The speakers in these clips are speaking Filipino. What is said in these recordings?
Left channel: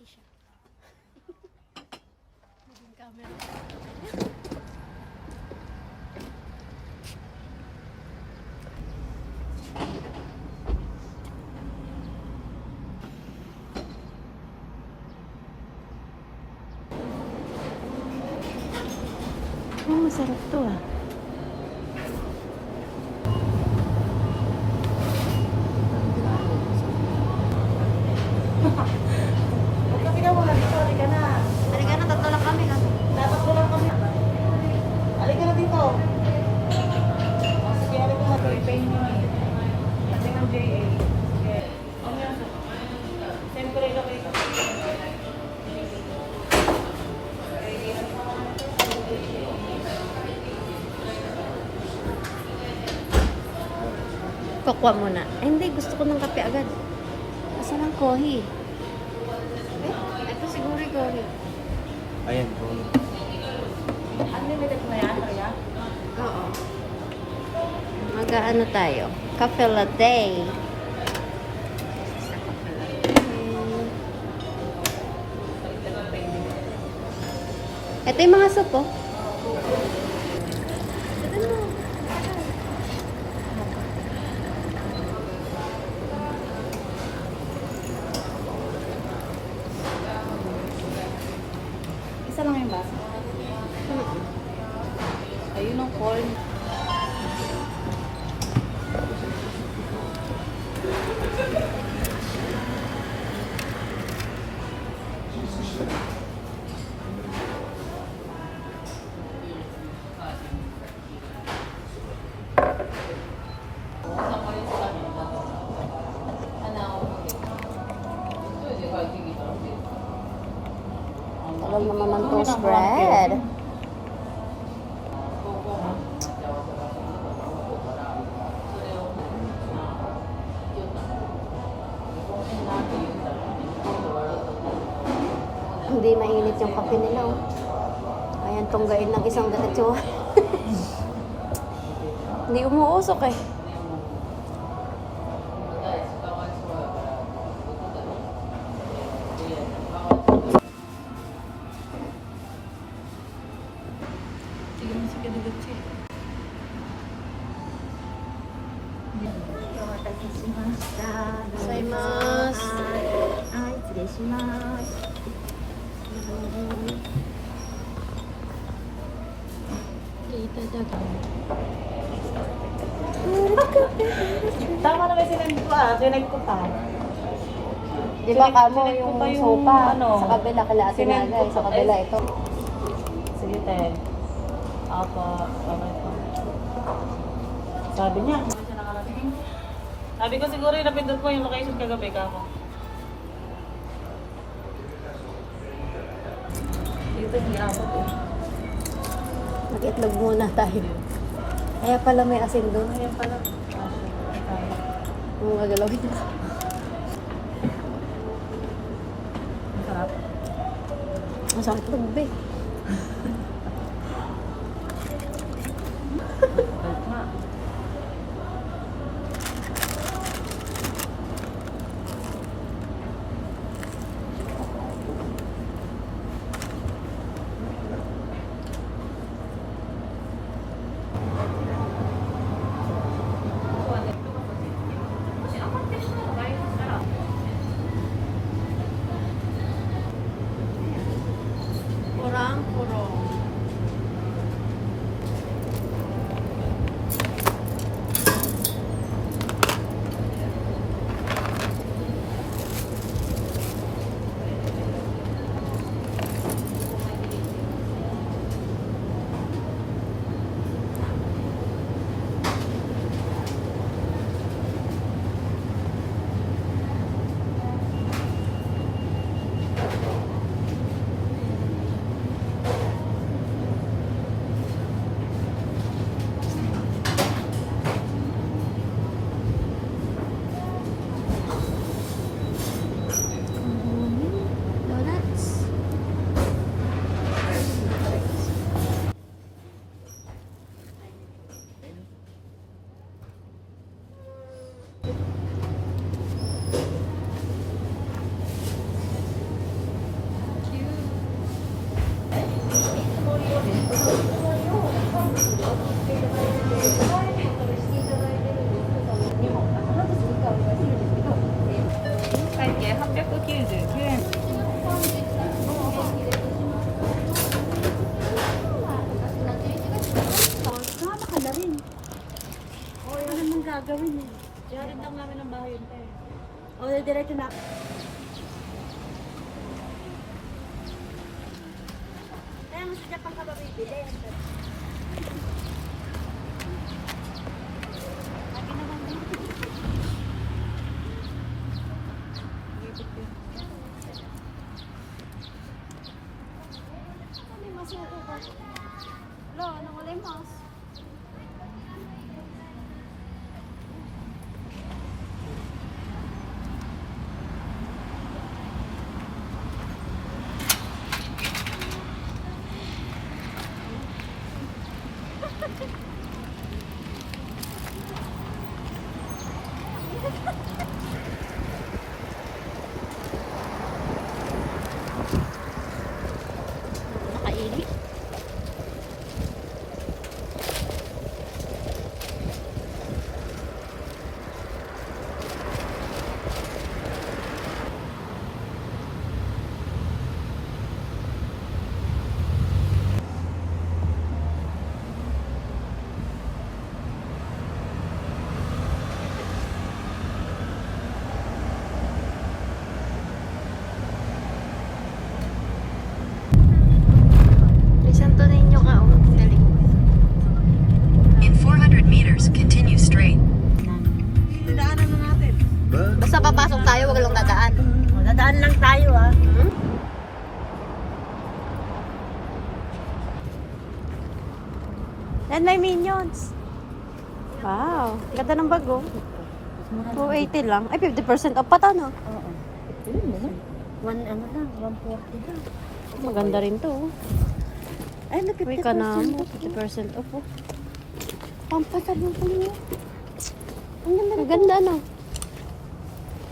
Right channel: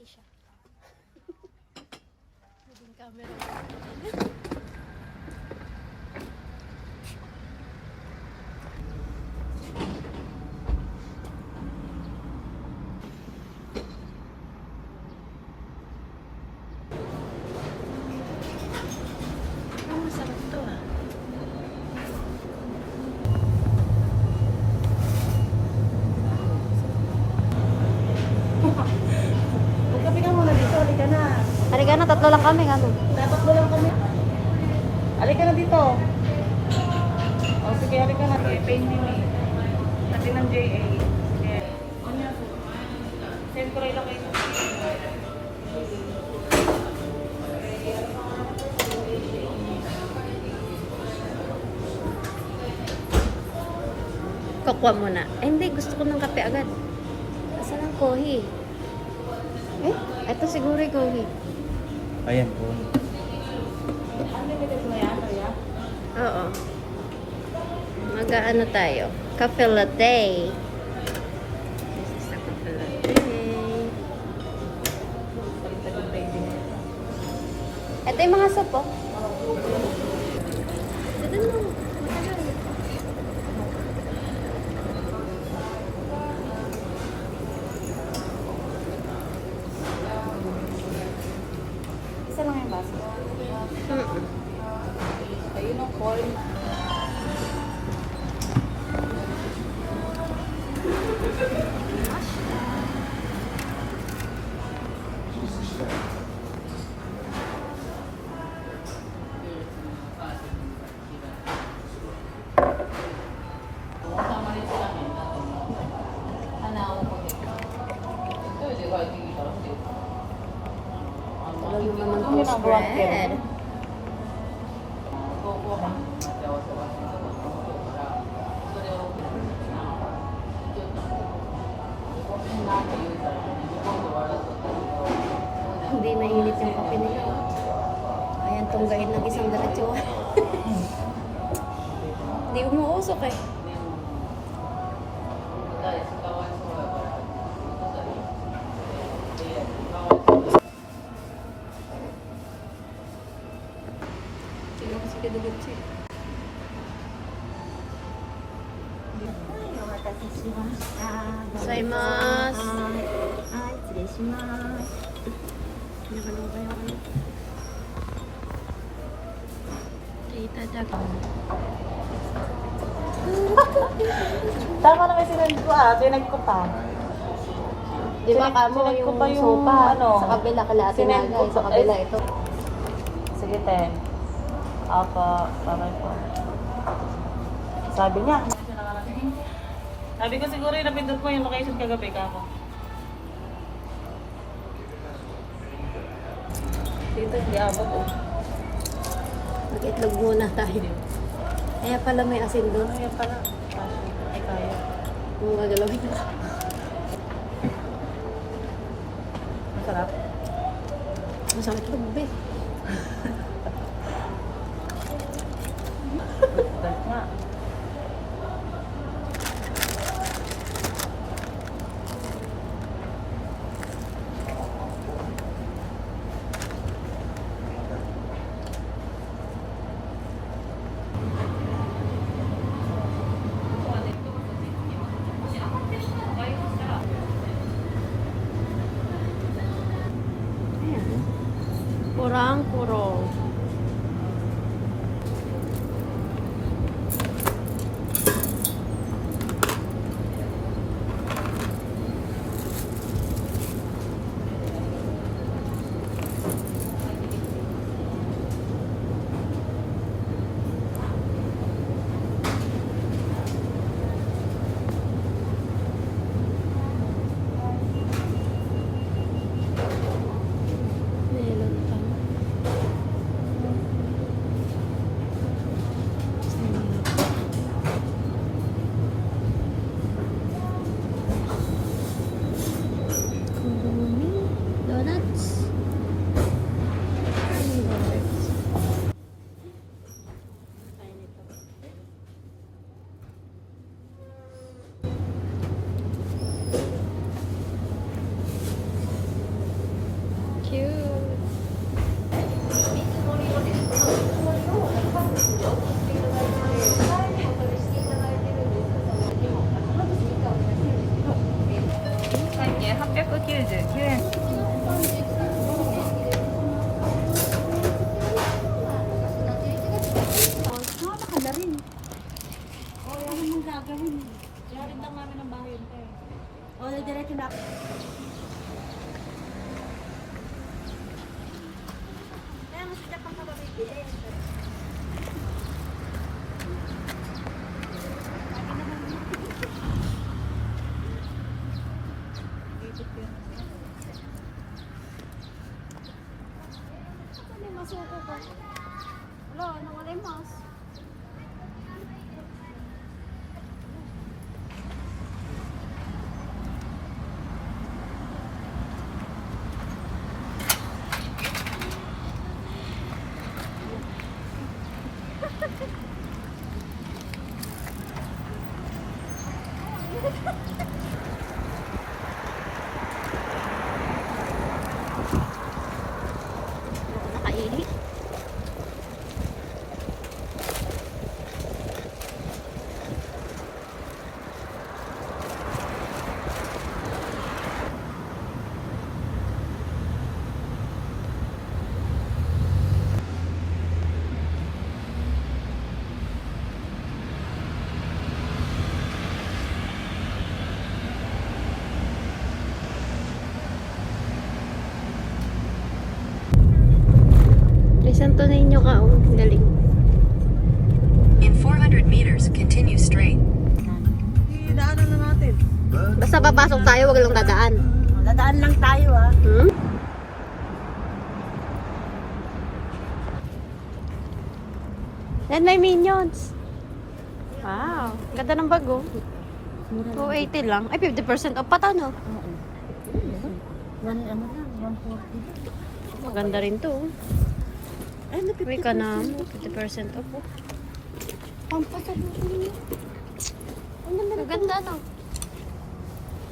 Pati siya. Naging camera. Okay na. Masarap to ah. Halika na, tatlo lang kami. Ano? Tatakbo lang kami. Halika na dito. O sige, halika na. I-pay nyo. Natin ang JA. Send ko rin lang kayo. Pakwa mo na. Eh, hindi. Gusto ko ng kape agad. Kasi lang kohi. Eh, ito siguro yung kohi. Ayan. Unlimited na yan, kaya? Oo. Mag-ano tayo? Cafe latte. Sa cafe latte. Ito yung mga soup, oh. Ito na. Isa lang yung basa. Ayun ang corn. Tagal naman ng toast bread. Hindi mainit yung kape nila, oh. Ayan, tunggain ng isang diretso. Hindi umuusok eh. Tama na kasi sinend ko tinag ko pa. Di ba kamo Sinend ko yung pa sopa ano, sa kabila kala Atinagay, sa kabila ito. Sige, Ted. Apa, para ito. Sabi niya. Sabi ko siguro yung napindot ko yung location kagabi ka. Dito di abot oh. Mag-itlog muna tayo. Kaya pala may asin doon. Ayan pala. Kaya. Yung gagalawin ko. Ang sarap. Ang sakit itlog, be. Sarap nga. Kurang-kurong. gagawin eh. Yarin lang namin ang bahay yun, te. O, diretso na. Lagi naman din. Ako na yung masuko ko. Wala, nawala yung mas. Nakairi. Santo Niño ka, oh. Galing. In 400 meters, continue straight. Dinaanan na natin. Basta papasok tayo, wag lang dadaan. Dadaan lang tayo, ah. Hmm? And may minions. Wow. Ganda ng bag, oh. 280 lang. Ay, 50% off pa to, no? Oo. One, ano na, 140. Maganda rin to, oh. Ay, may Uy, ka na mo. 50% off, oh. Pampasal mo ko niya. Ang ganda, no?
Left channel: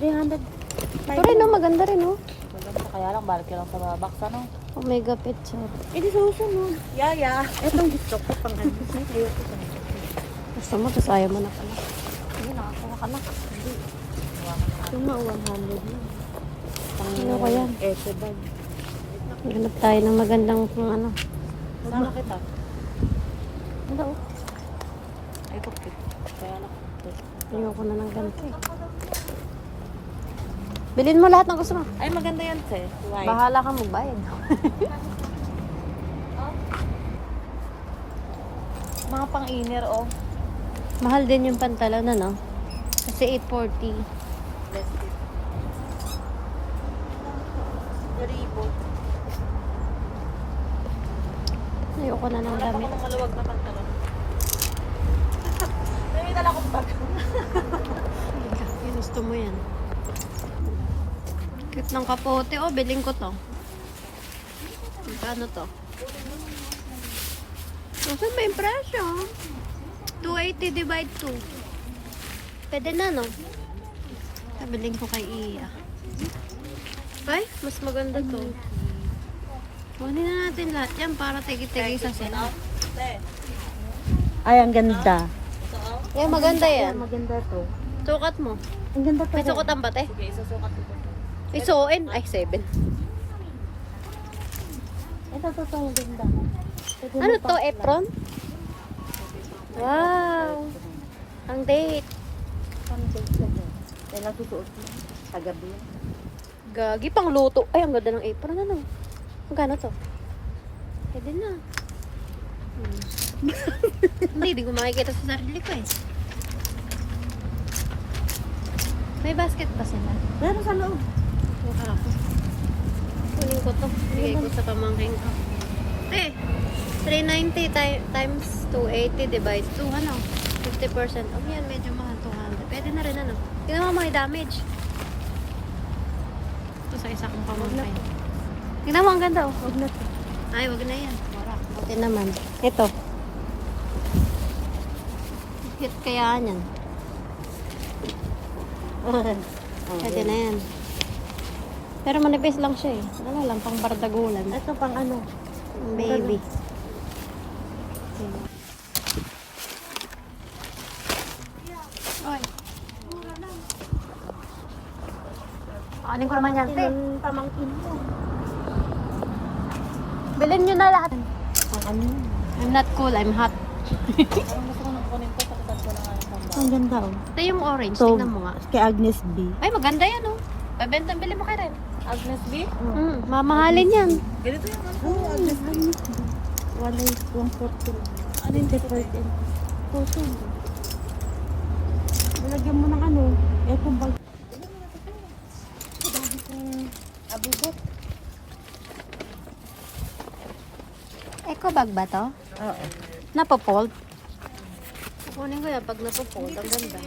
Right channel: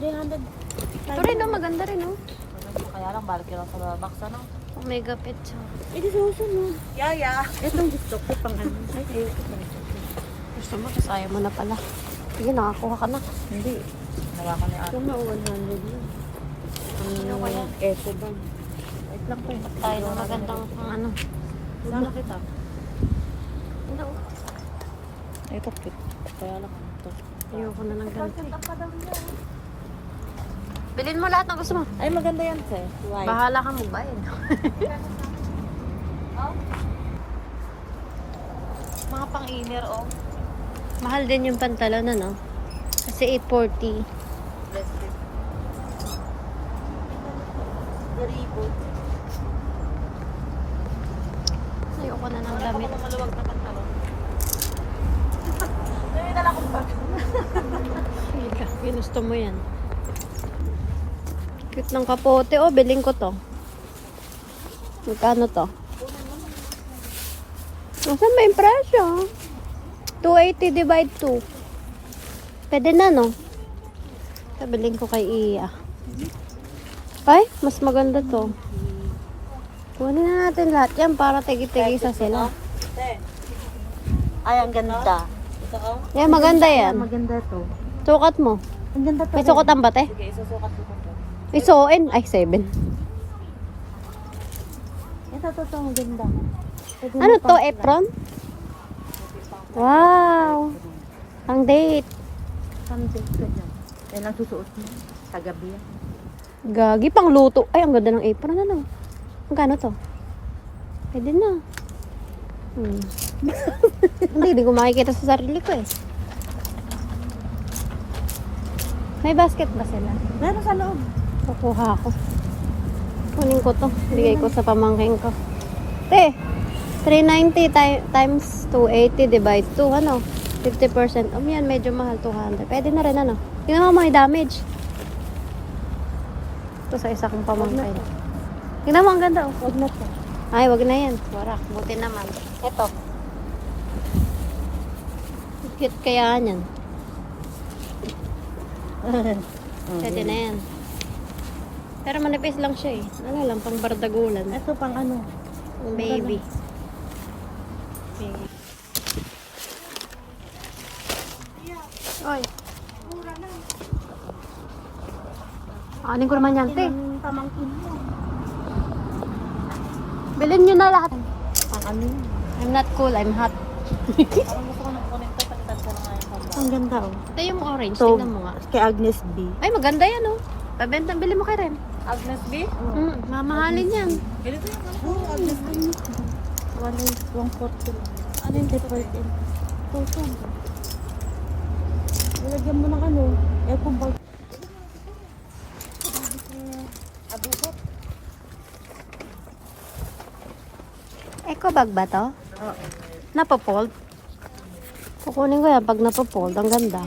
300. Ito rin, no? Maganda rin, oh. Kaya lang, balik lang sa mga box, ano? Omega Pet Shop. Eh, di susunod. Yeah. Etong gusto ko pang ano. Ay, ayoko sa ito. Gusto mo, kasi ayaw mo na pala. Sige, nakakuha ka na. Hindi. Nawakan niya. Yung mga 100 lang. Pang Ano kaya? Eco bag. hanap tayo ng magandang kung ano. Saan kita? Wala, oh. Ay, kapit. Kaya lang ito. Ayoko na ng ganito, eh. Bilhin mo lahat ng gusto mo. Ay, maganda yan, te. White. Bahala ka magbayad. Mga pang-inner, oh. Mahal din yung pantalon, ano? Kasi 840. Garibot. Ayoko na ng damit. Maluwag na pantalon. Ngayon na lang ako pa. Ginusto mo yan. Cute ng kapote. Oh, biling ko to. Magkano to? Saan may presyo? 280 divide 2. Pwede na, no? Biling ko kay Iya. Ay, mas maganda to. Kunin na natin lahat yan para tigi-tigisa sila. Te. Ay, ang ganda. Ito, oh. Yan, maganda yan. Maganda to. Sukat mo. Ang ganda to. May sukotan ba, te? Sige, isusukat ko to. Isuoin. Ay, 7. Ito to, ang ganda. Ano to, apron? Wow! Ang date. Ay, nagsusuot mo. Sa gabi. Gagi, pang luto. Ay, ang ganda ng apron. Ano? Magkano to? Pwede na. Hindi ko makikita sa sarili ko eh. May basket ba sila? Meron sa loob. Kukuha ako. Kunin ko to. Bigay ko sa pamangking ko. Te, 390 times 280 divide 2. Ano? 50%. Yan, medyo mahal. 200. Pwede na rin, ano? Tingnan mo mga damage. Ito sa isa kong pamangkin. Tingnan mo, ang ganda, oh. Huwag na to. Ay, wag na yan. Warak. Buti naman. Ito. Cute kaya yan. Pwede na yan. Pero manipis lang siya eh. Ano lang, pang bardagulan. Ito pang ano. Ang baby. Okay. Oy. Anin ko naman yan, te. Pamangkin mo. Bilhin nyo na lahat. Ang ano? I'm not cool, I'm hot. Ang gusto ko ng kunin to, pakitan ko na nga yung pang Ang ganda oh. Ito yung orange. So, Tingnan mo nga. kay Agnes B. Ay, maganda yan oh. Pabenta, bili mo kay Ren. Agnes B? Mamahalin yan. Ganito yung ano? Oo, Agnes B. Wala yung 140. Ano yung departed? Photo. Nalagyan mo ng ano. Kung bag. Eco bag ba to? Oo. Napopold? Kukunin ko yan pag napopold. Ang ganda.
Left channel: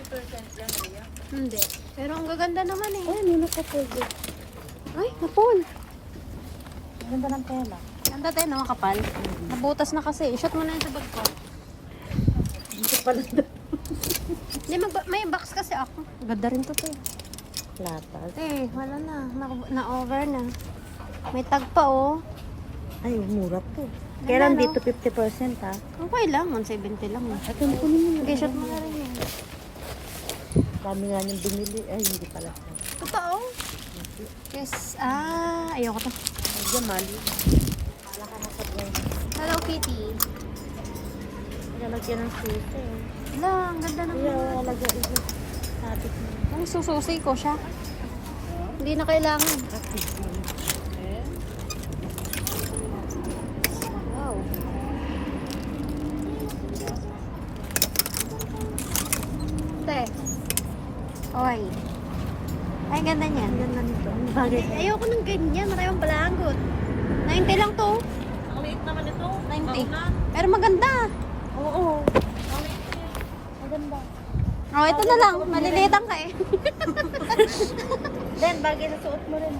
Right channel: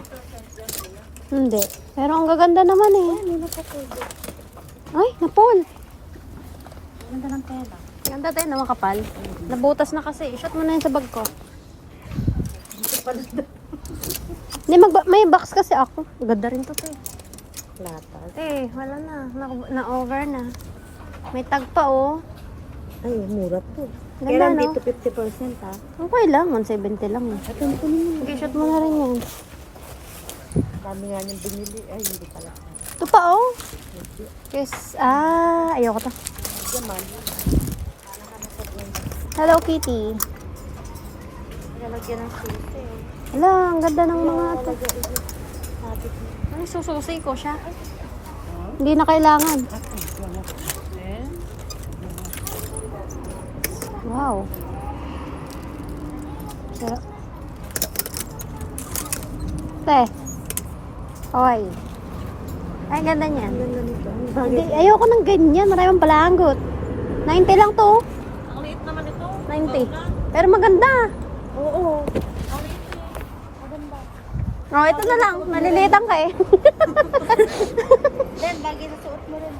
Hindi. Pero ang gaganda naman eh. Ay, napold. Ganda ng tela. Ganda tayo na makapal. Nabutas na kasi. Shoot mo na yun sa bag ko. Hindi, may box kasi ako. Ganda rin to eh. Latas. Eh, wala na. Na-over na. May tag pa oh. Ay, mura po. Ganda, Kailan no? dito 50% ha? Okay lang. 170 lang eh. Ito na kunin mo. Okay, shoot mo na rin yan. Dami nga niyang binili. Ay, hindi pala. Ito pa oh. Yes. Ayoko to. Hello Kitty. Nalagyan ng susi. Hala, ang ganda ng mga ito. Ay, sususi ko siya. Hindi na kailangan. Wow. Te. Oy. Ay, ganda niyan. Ganda nito. Hindi, ayoko ng ganyan. Maraming palagot. 90 lang to. Ang liit naman ito. 90. Pero maganda. Oo. Oh, ito na lang. Malilitan ka eh. Then, bagay na suot mo rin.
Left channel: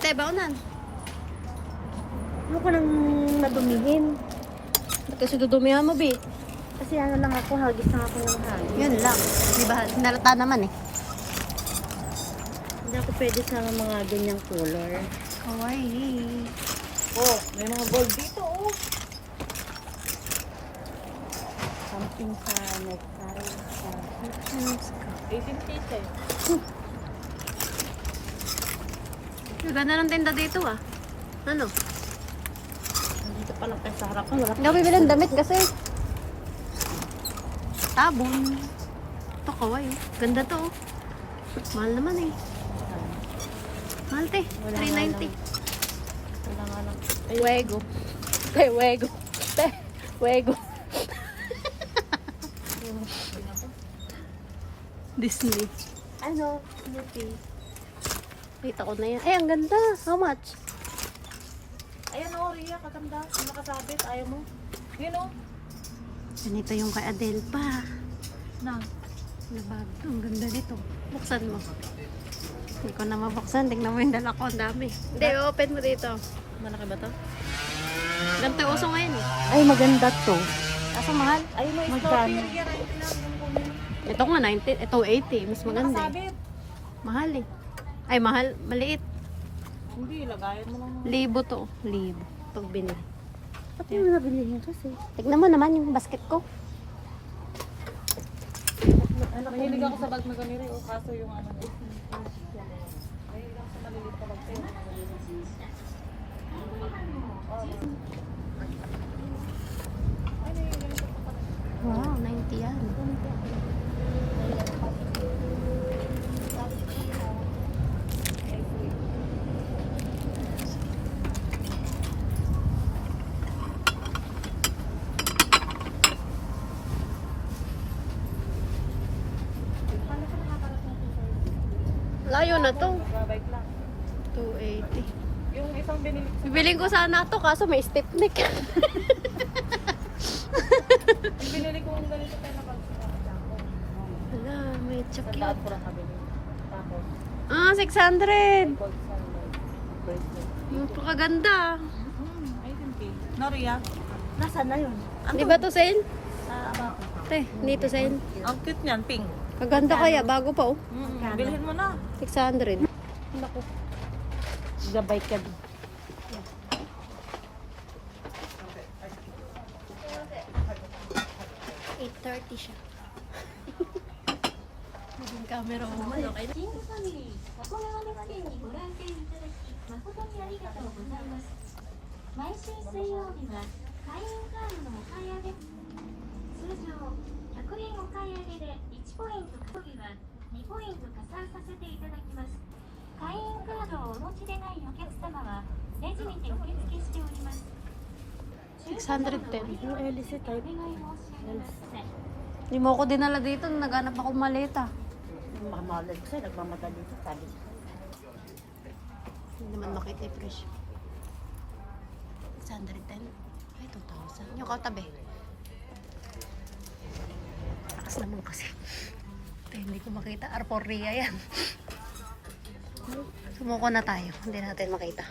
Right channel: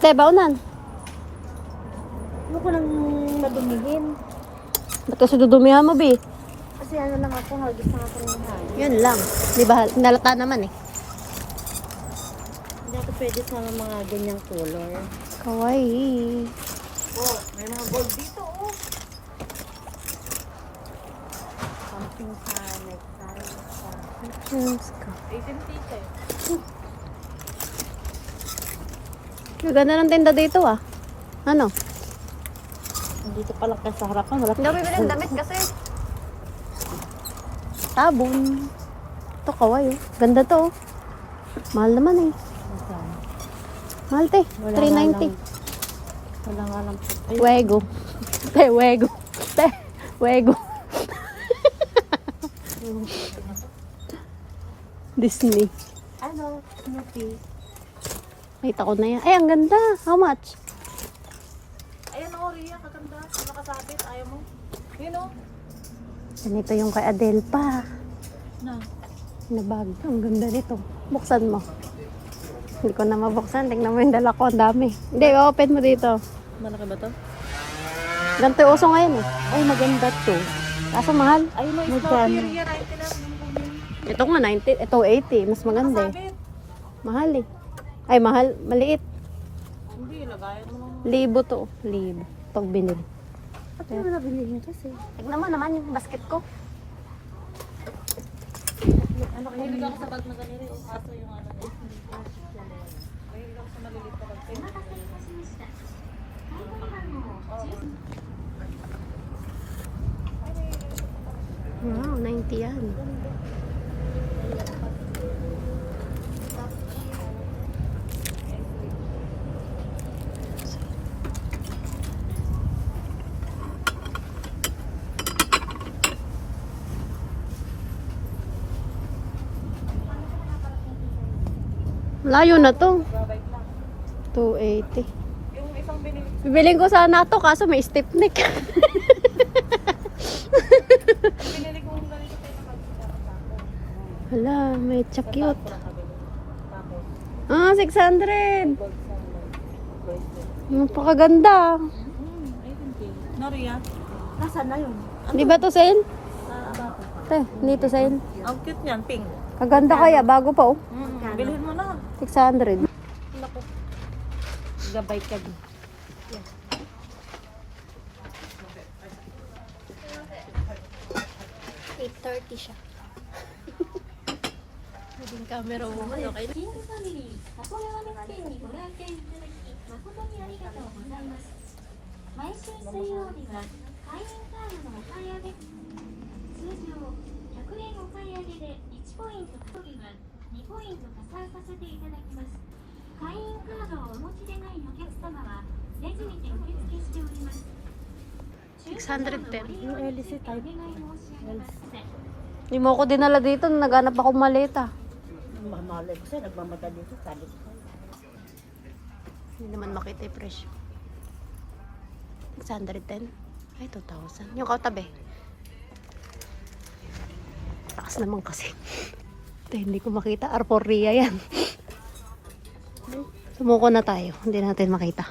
Te, baunan. Ano ko nang nadumihin? Ba't kasi dudumihan mo, Bi? Kasi ano lang ako, hagis na ako ng hagis. Yun lang. Di ba? Nalata naman eh. Hindi ako pwede sa mga ganyang color. Kawaii. Oh, may mga gold dito, oh. Something sa necktie. Chance ka. 18 tite. Ganda ng tinda dito ah. Ano? Dito pala kayo sa harapan. Wala Hindi ako bibili ng damit kasi. Sabon. Ito kawaii oh. Ganda to oh. Mahal naman eh. Mahal te. 390. Wala nga lang. Wego. Te, wego. Te, wego. Disney. Ano? Snoopy. Nakita ko na yan. Eh, ang ganda. How much? Ayan o, Rhea, katanda. Nakasabit. Ayaw mo. Yun o. Ganito yung kay Adele pa. Na. Na bag. Ang ganda nito. Buksan mo. Hindi ko na mabuksan. Tignan mo yung dala ko. Ang dami. Hindi, open mo dito. Malaki ba to? Ganito yung uso ngayon eh. Ay, maganda to. Kaso mahal. Ay, magkano? Ito nga 90. Ito 80. Mas maganda eh. Mahal eh. Ay, mahal. Maliit. Hindi, lagayan mo lang. Libo to. Libo. Pagbilin. Ba't mo nabilihin kasi? Tignan mo naman yung basket ko. Mahilig ako sa bag na ganito. Kaso yung ano. Mahilig ako sa maliliit na bag. Wow, 90 yan. Layo na to. 280. Yung isang binili. Bibiling ko sana to kaso may stiff neck. Binili kong ganito tayo na bag. Hala, may cute. Pura kabili. Tapos, Ah, 600. gold sa bracelet. Yung pakaganda. Ay, hindi. Noria. Nasaan na yun? Di ba to sen? Te, dito sen. Ang cute niyan, pink. Kaganda kaya, bago pa oh. Bilhin mo na. 600. Gabay ka din. 8:30 siya. Naging camera mo man, okay na? せております。会員カードのお買い上げ、通常100円お買い上げで1ポイント、当日は2ポイント加算させていただきます。会員カードをお持ちでないお客様はレジにて受付しております。 610. Yung LC type. お願い申し上げます。 Hindi mo ako dinala dito. Naghanap ako maleta. Mamalag siya, nagmamagal dito. Kalit ka. Hindi naman makita yung presyo. 610. Ay, 2,000. Yung kautabi. Takas naman kasi. Ito, hindi ko makita. Arporia yan. Sumuko na tayo. Hindi natin makita.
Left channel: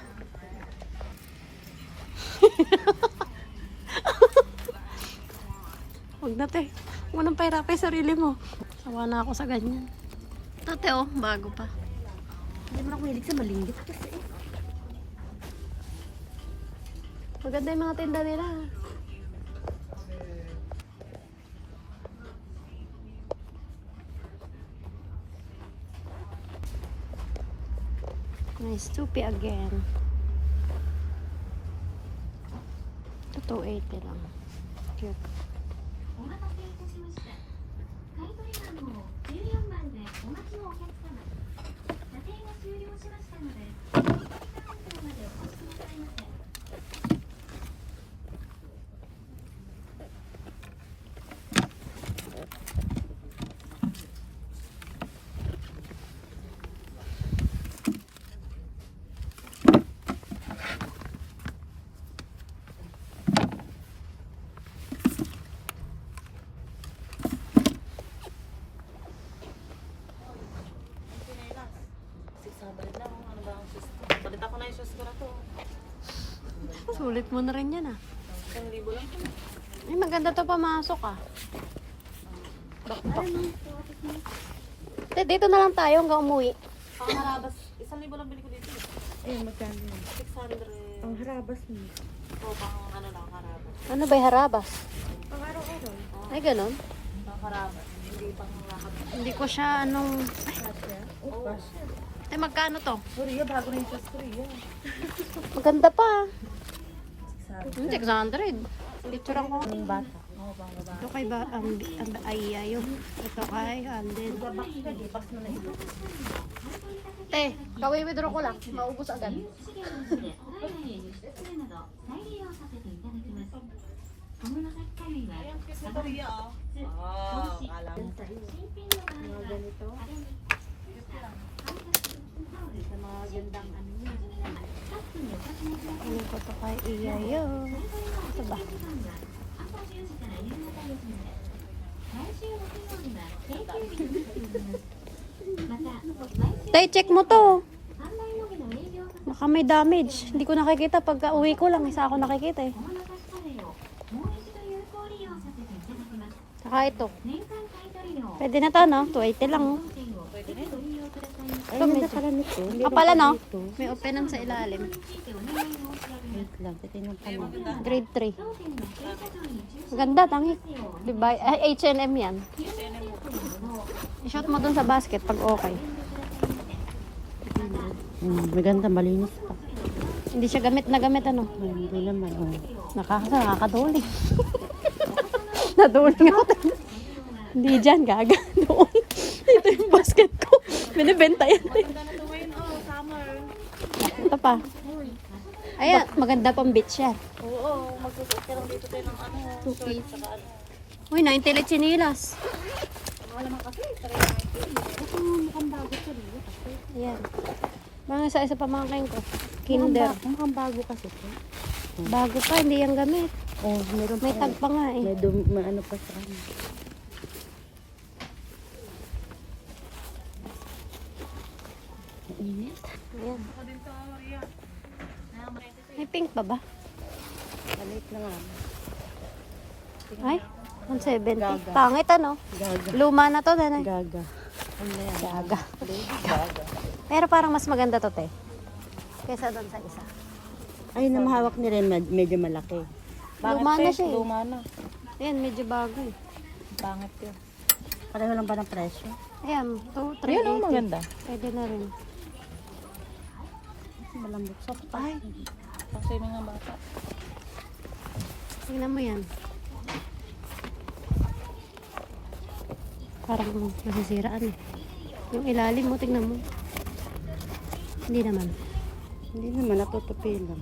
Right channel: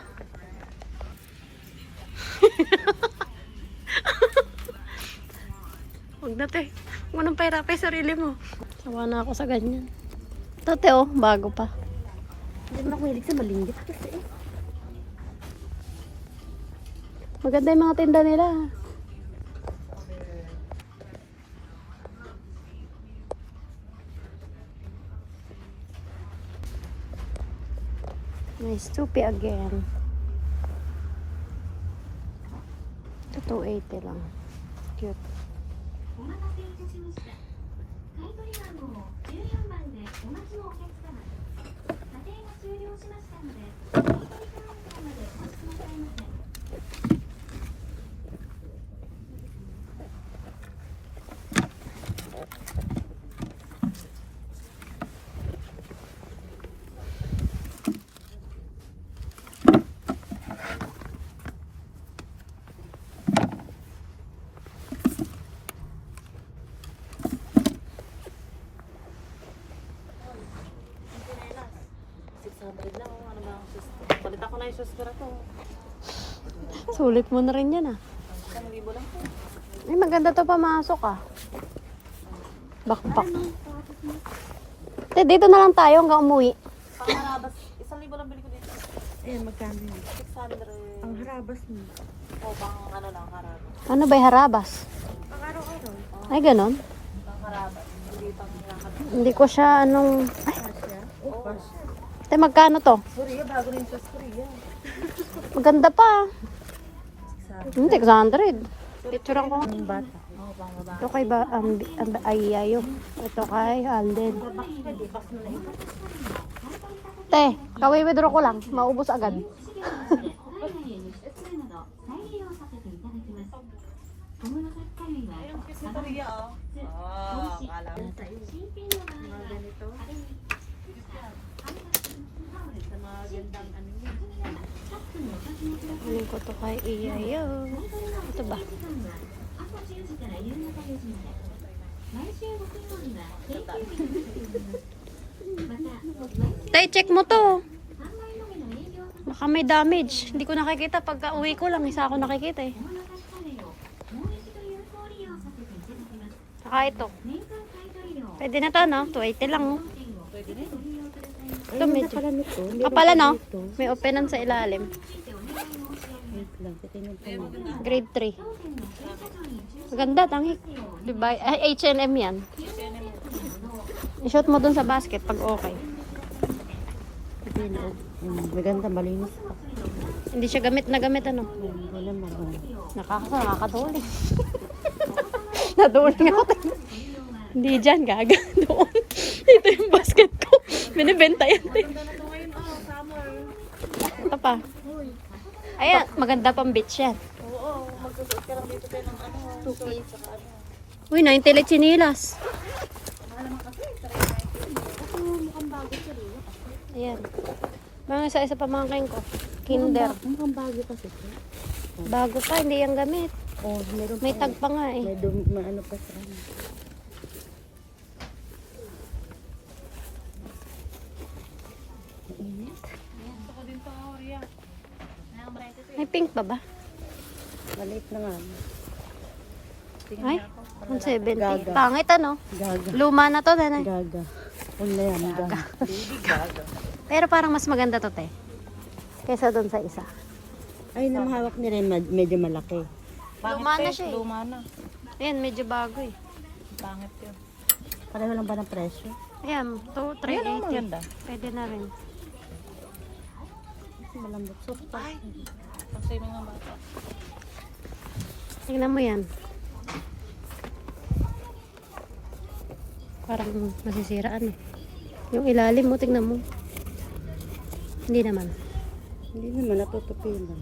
Huwag na, te. Huwag mo nang pahirapin sarili mo. Sawa na ako sa ganyan. Ito, te, oh. Bago pa. Hindi mo na ako hilig sa malinggit kasi eh. Maganda yung mga tinda nila. Nice Tupi again. Ito 280 lang. Cute. お待たせいたしました。買取番号14番でお待ちのお客様。査定が終了しましたので、買取カウンターまでお越しくださいませ。Palit ako na yung suskara ko. Sulit mo na rin yan, ah. 1,000 lang. Ay, maganda to pamasok, ah. Backpack. Te, dito na lang tayo hanggang umuwi. Pangharabas, 1,000 lang bili ko dito. Eh, magkano yun? 600. Ang harabas mo. O, pang ano lang, harabas. Ano ba yung harabas? Ay, ganon. Pang harabas. Hindi pang harabas. Hindi ko siya anong... Ay, te, magkano to? Sorry, bago na yung suskara yan. Ang ganda pa. Hindi, 600. Picturean ko. Ito kay Ayayo. Ito kay Alden. Te, kawi-withdraw ko lang. Maubos agad. 海外へ輸出するなど再利用させていただきます。小室崎カレーはサバ、Korea, oh. おいしい。 Kala ko. 新品の場合はあれに Kunin ko to kay Ayayo. Ito ba? 朝10時から夕方4時まで。毎週木曜日は定休日となっております。また、毎週 Tay, check mo to. 販売のみの営業と Baka may damage. Hindi ko nakikita. Pagka uwi ko lang, isa ako nakikita eh. 小室崎カレーをもう一度有効利用させていただきます。 Saka ito. 年間買取料 Pwede na to, no? 280 lang, oh. 券をご利用くださいませ。 Ito, medyo. Pala nito. Kapala, no? May openan sa ilalim. お願い申し上げます。 Wait lang, titignan ko lang. Grade 3. Maganda, tangi. Diba? Ay, H&M yan. I-shot mo dun sa basket pag okay. Maganda, malinis pa. Hindi siya gamit na gamit, ano? Hindi naman. Nakakaduli. Naduli ako. Hindi dyan, gaga. Doon. Ito yung basket ko. Binibenta yan. Ganda na ito ngayon, oh, summer. Ito pa. Ayan, maganda pang beach yan. Oo, magsusot ka lang dito tayo ng ano, shorts, saka ano. Uy, 90 let chinilas. Wala naman kasi, taray Mukhang bago siya. Ayan. Mga isa pamangkin ko. Kinder. Mukhang bago kasi ito. Bago pa, hindi yan gamit. Meron May tag pa nga eh. may ano pa sa kanya. Mainit. Ayan. dito, Ria. May pink pa ba? Maliit na nga. Ay, 170. Gaga. Pangit ano? Gaga. Luma na to, nanay. Gaga. Ano na yan? Gaga. Pero parang mas maganda to, te. Kaysa doon sa isa. Ay, namahawak ni Ren, medyo malaki. Luma na siya eh. Luma na. Ayan, medyo bago eh. Pangit yun. Pareho lang ba ng presyo? Ayan, 380. Pwede na rin. Malambot. Soft pa. Kasi na nga Tingnan mo yan. Parang masisiraan eh. Yung ilalim mo, tingnan mo. Hindi naman. Hindi naman, natutupi lang.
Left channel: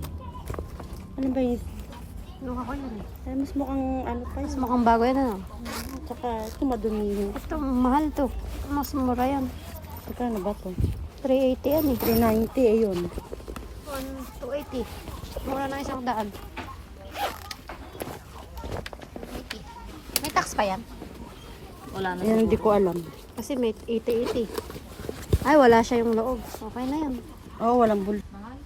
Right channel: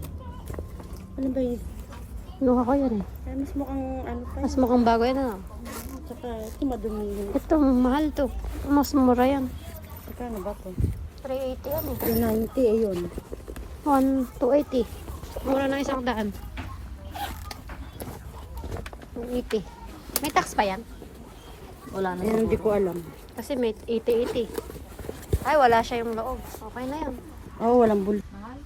Ano ba yun? Nuha ko yan eh. Ay, mas mukhang ano pa Mas yun. mukhang bago yan ano. Tsaka ito madumi yung... Ito, mahal to. Mas mura yan. Magkano ba ito? 380 yan eh. 390, ayun. 280. Mura na isang daan. 280. May tax pa yan? Wala na Ayun, hindi siguro. ko alam. Kasi may 80-80. Ay, wala siya yung loob. Okay na yan. Oo, walang bul... Mahal?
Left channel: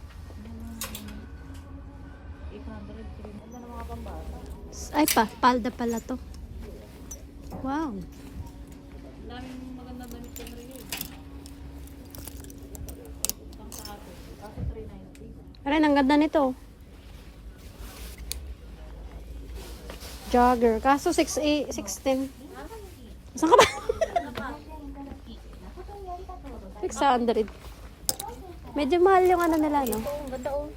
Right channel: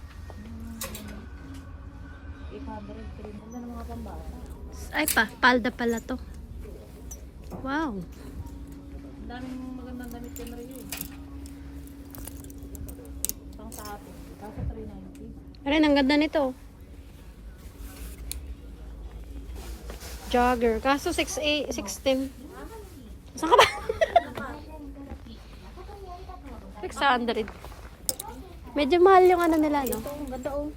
800 rin. Ganda ng mga pambata. Ay palda pala to. Wow. Ang daming magandang damit yan rin yun. Pang sa atin. Kaso 390. Aray, ang ganda nito. Jogger. Kaso 610. Saan ka ba? 600. Medyo mahal yung ano nila, no? Ang ganda oh.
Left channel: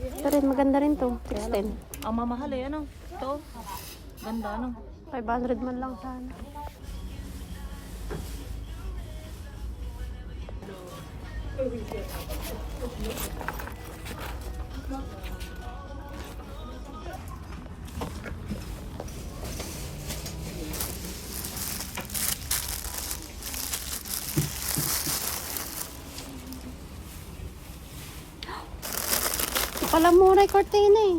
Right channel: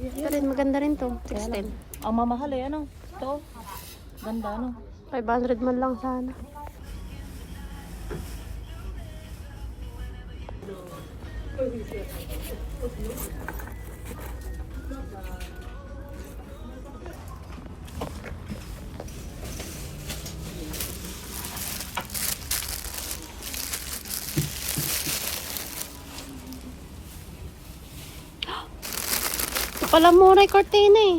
Ito rin, maganda rin to. 610. Ang mamahal eh, ano? Ito. Ganda, ano? 500 man lang sana. Ito pala mura yung cortina eh.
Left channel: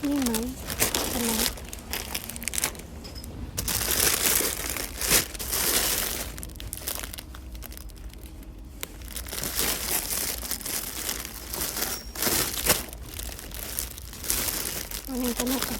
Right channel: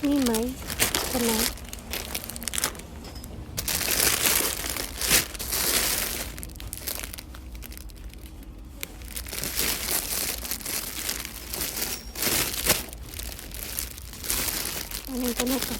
Himay. Ano? Ano yung ganito?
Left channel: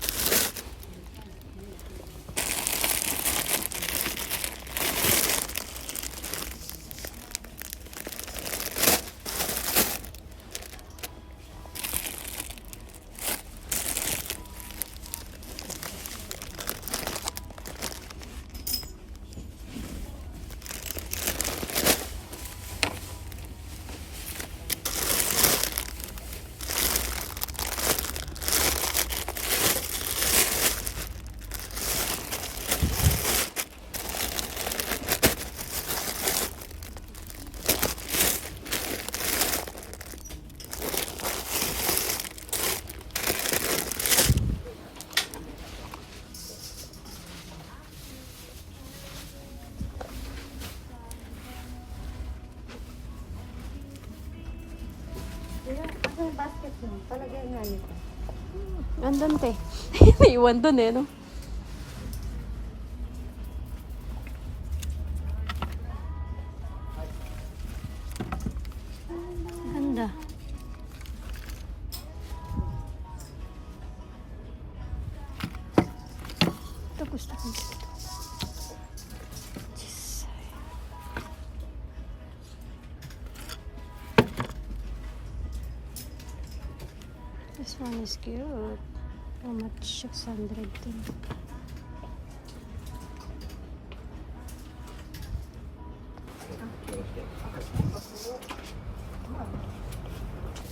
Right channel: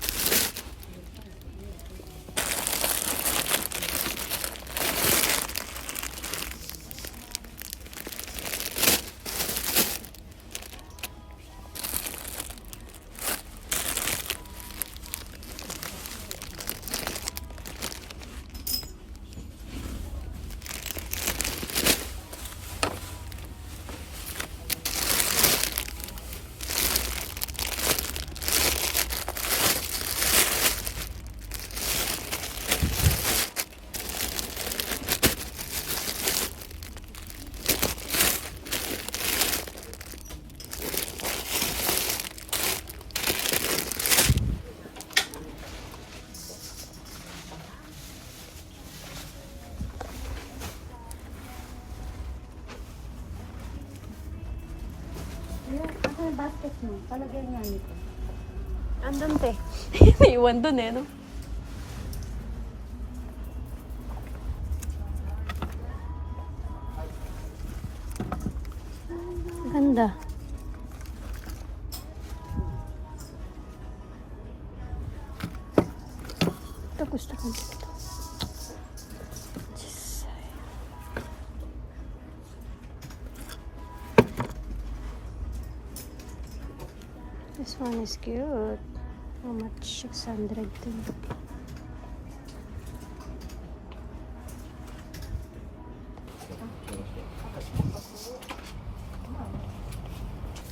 Andun te. Naiwan dun eh, no? Ganda. Ito gusto ko dito. Jisay. This one is cute. How much? 600 din.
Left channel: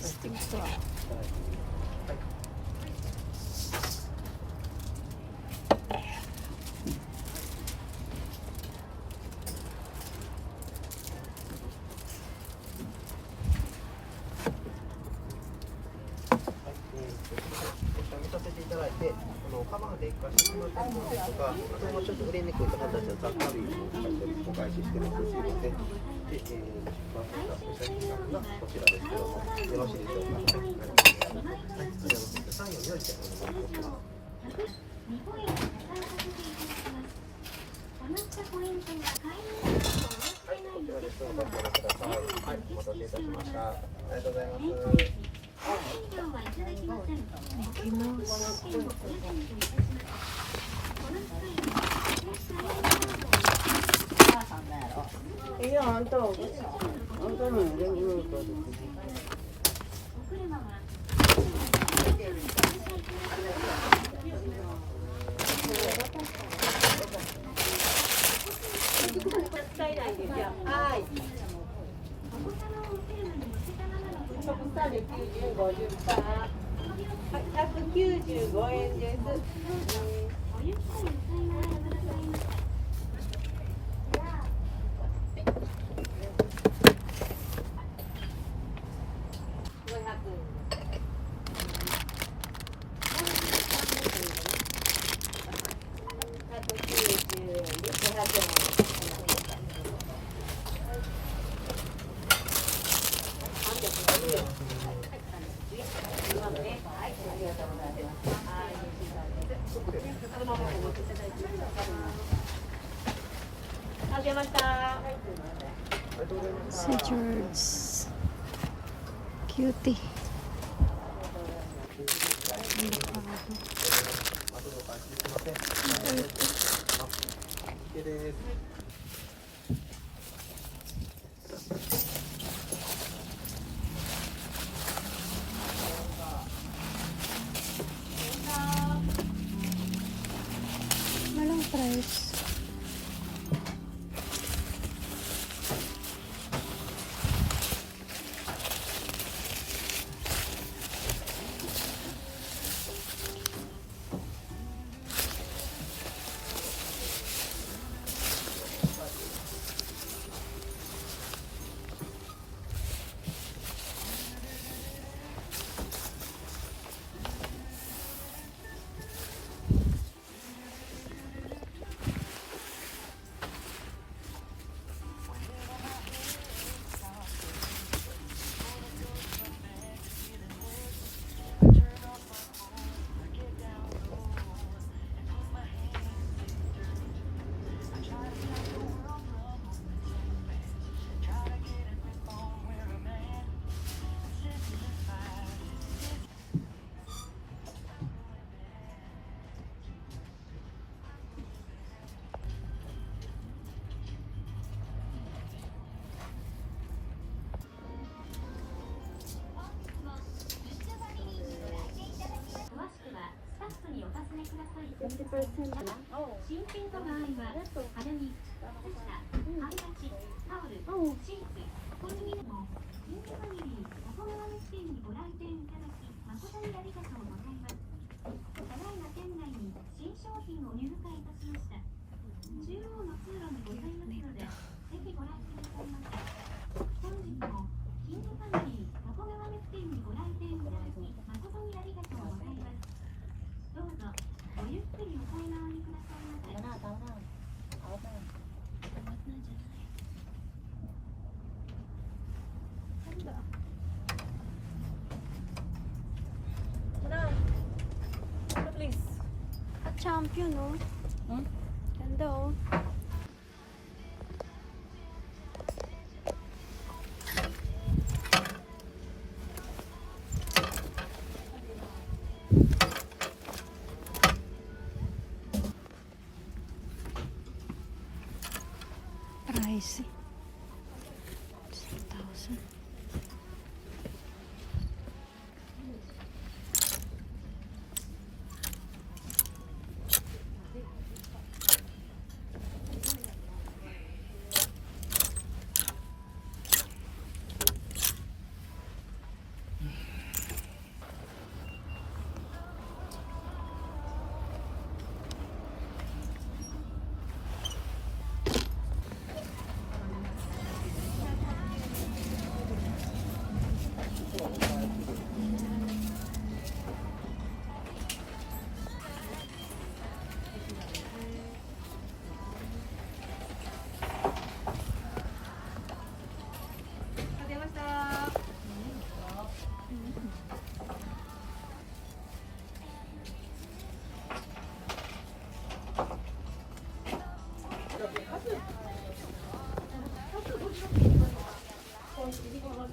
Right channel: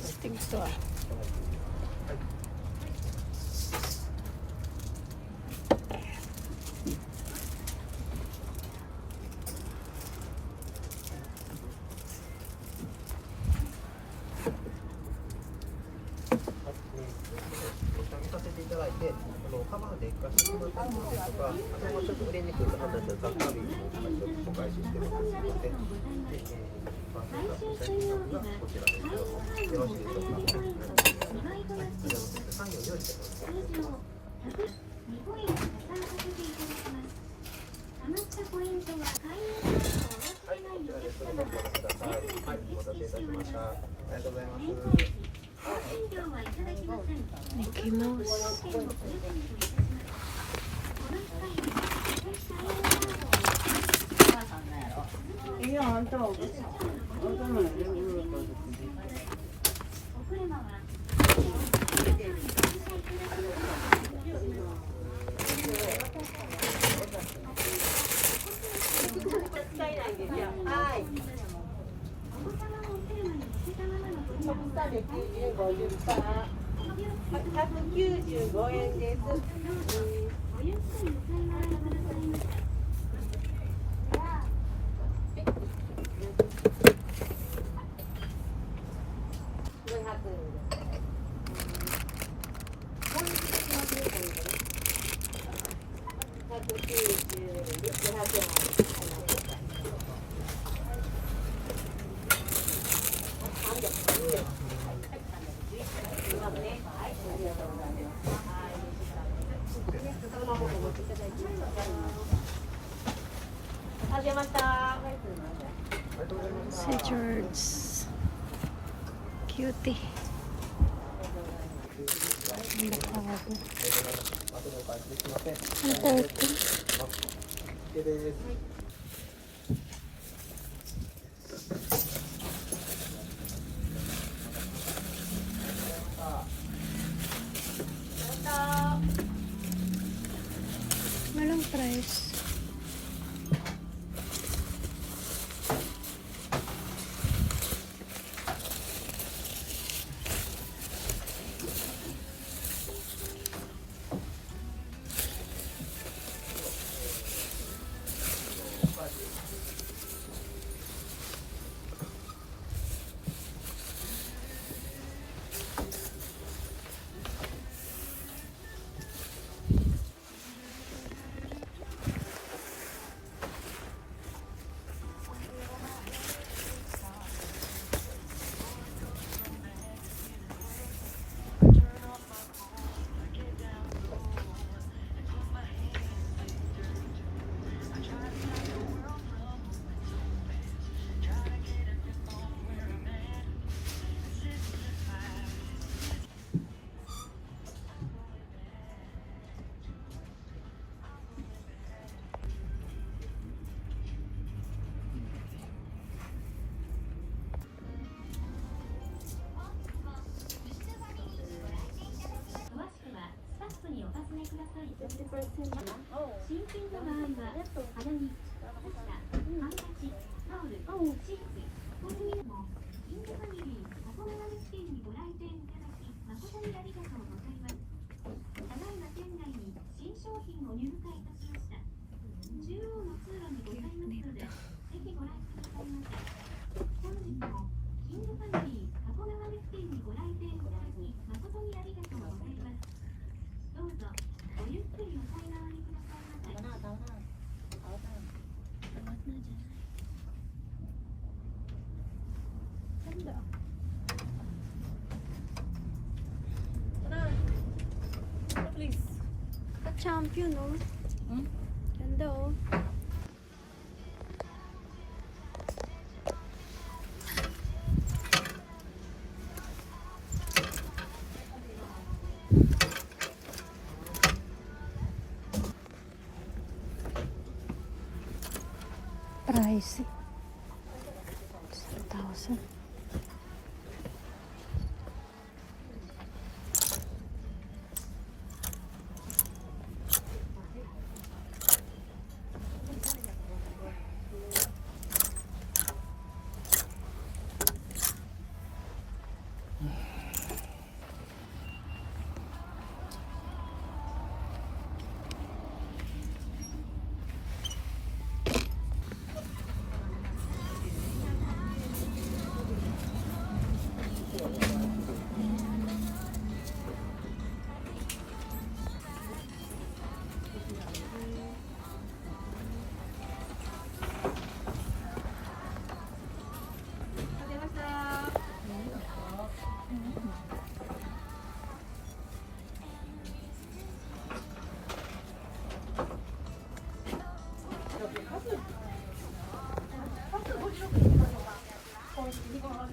Stick to ah. Mickey Mouse. Iyan, ito. Ito mo. Si George. Cutie. Avocado. Ang puti. Walang price. Champion, no? Ganda, oh. Pricey. 1,000.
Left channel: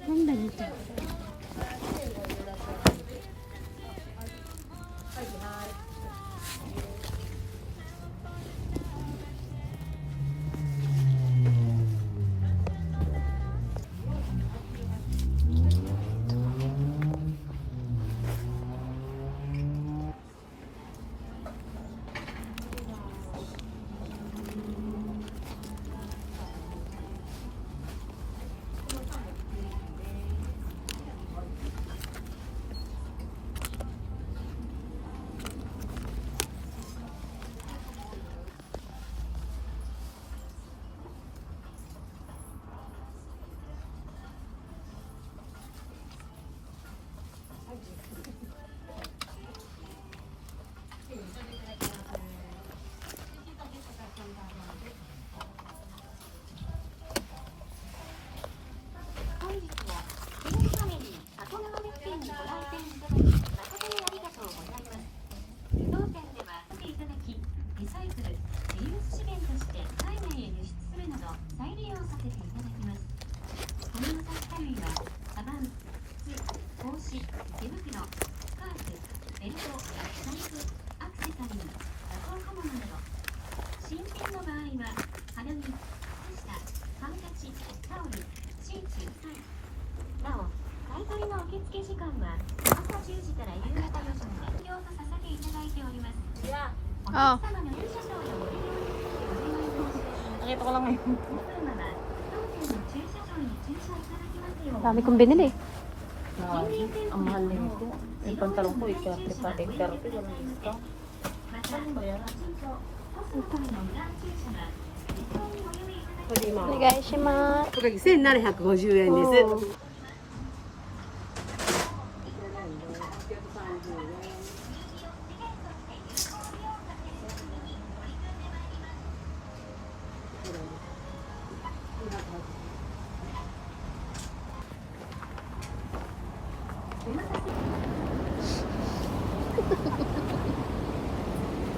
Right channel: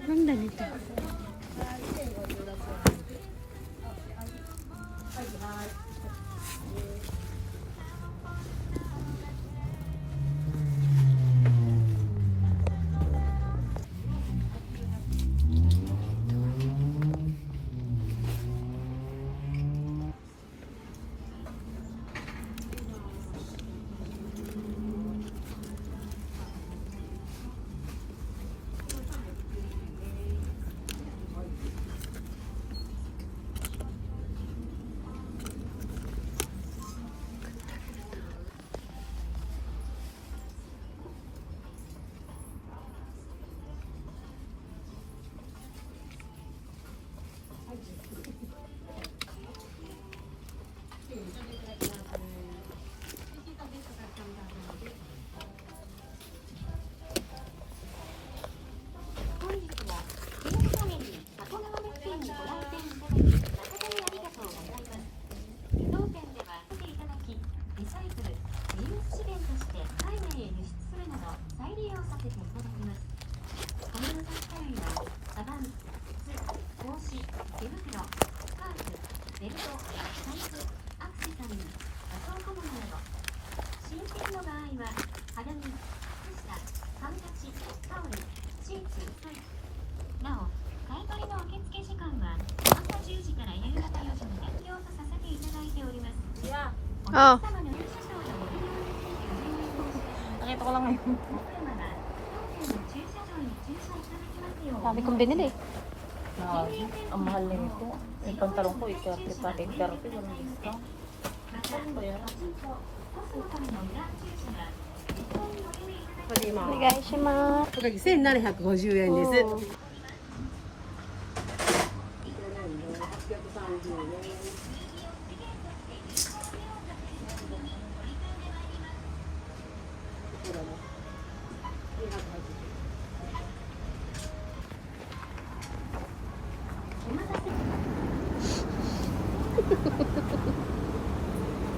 Ganda nito. 新品の場合は肌着、靴下、ハンカチ、タオル、シーツ、なお買い取りの受付時間は朝10時から夕方4時まで要とさせていただいております。おあ客様の駐車場のご利用に Nakita ko lang ngayon. お車は当店の駐車場に駐車いただきますよう Dami kong binili. Wow, ang mahal na ito. Yung pantalon ko, ito. Ito sa akin. Pero ito lang ito. Saan ba yan? Onegaishimasu. おかげ1750円です。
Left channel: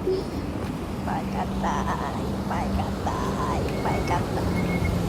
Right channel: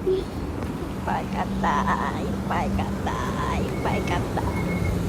いっぱい買った。いっぱい買った。いっぱい買った。